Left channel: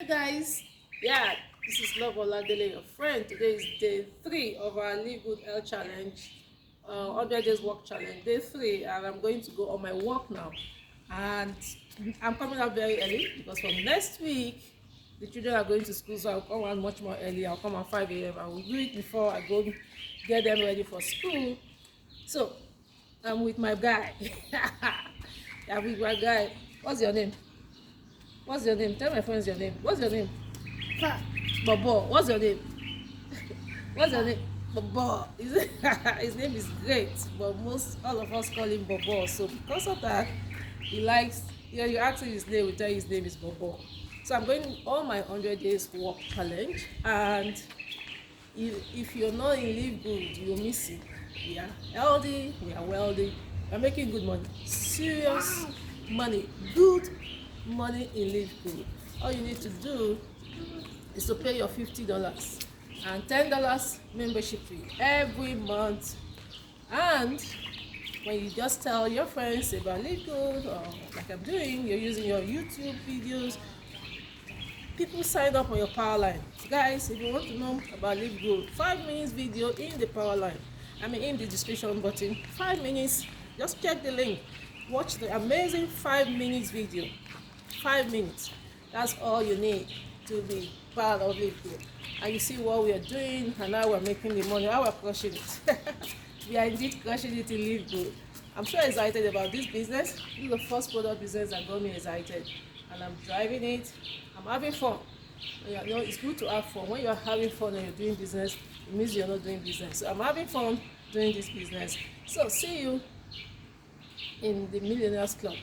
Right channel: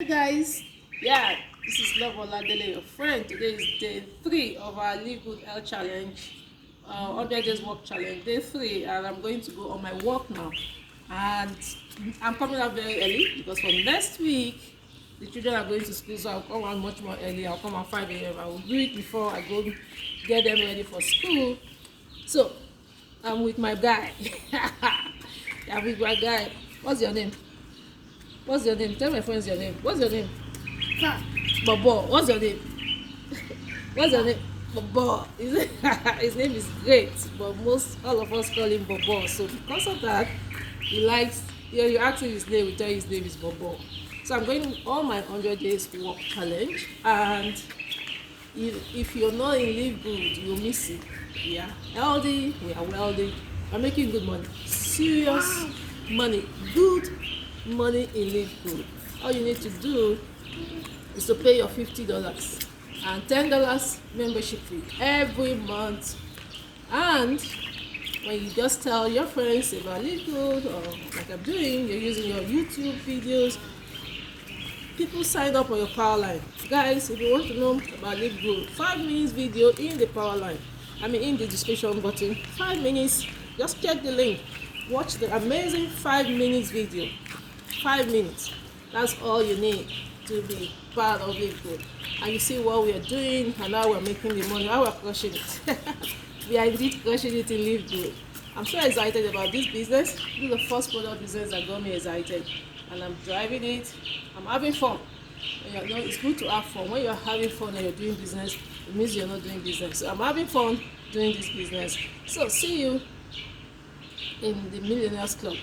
Hey guys, yeah, this is Love Oladele, your friend. Today is day 3 of our LiveGood Health Challenge, 100 days work challenge, day 3, and I'm going to go on my walk now. And I'm coming out very early because from next week, the children are going to school, so I'll come out much more early. I'll come at 5 a.m. I will do it before I go get them ready for school. So, I'm with my guy. I'm with my guy. What's your name? What's your name? Tell my friends your name. What's your name? Bobo. What's your name? What's your name? Bobo. His name is great, but all of us call him Bobo. So because of that, he likes. Yeah, you ask him his name, we tell you his name is Bobo. So I'm going on my 100 days walk challenge, and if you're not in Live Good, you'll miss it. Yeah, healthy, yeah, wealthy. You're making good money, serious money, good money in Live Good. All you need to do is to pay your $50 and $10 membership fee every month. And when you just tell your friends about Live Good, or like I'm doing, you're using your YouTube videos, people sign up on your power line. Guys, if you want to know about Live Good, 5 minutes video in the power line. In the description button. 5 minutes. Just check the link. Watch the amazing 5 minutes video. 5 minutes. That's all you need to be part of Live Good. And you see what we are doing and how we're making the money, how we're crushing it. We are indeed crushing it in Live Good. I'm so excited about this business. This is the first product business that got me excited. And I'm driving it. I'm having fun. And it's good to have fun. When you're having fun and you're doing business, it means you're not doing business. So I'm having fun doing this business. So see you in the Millionaires Club.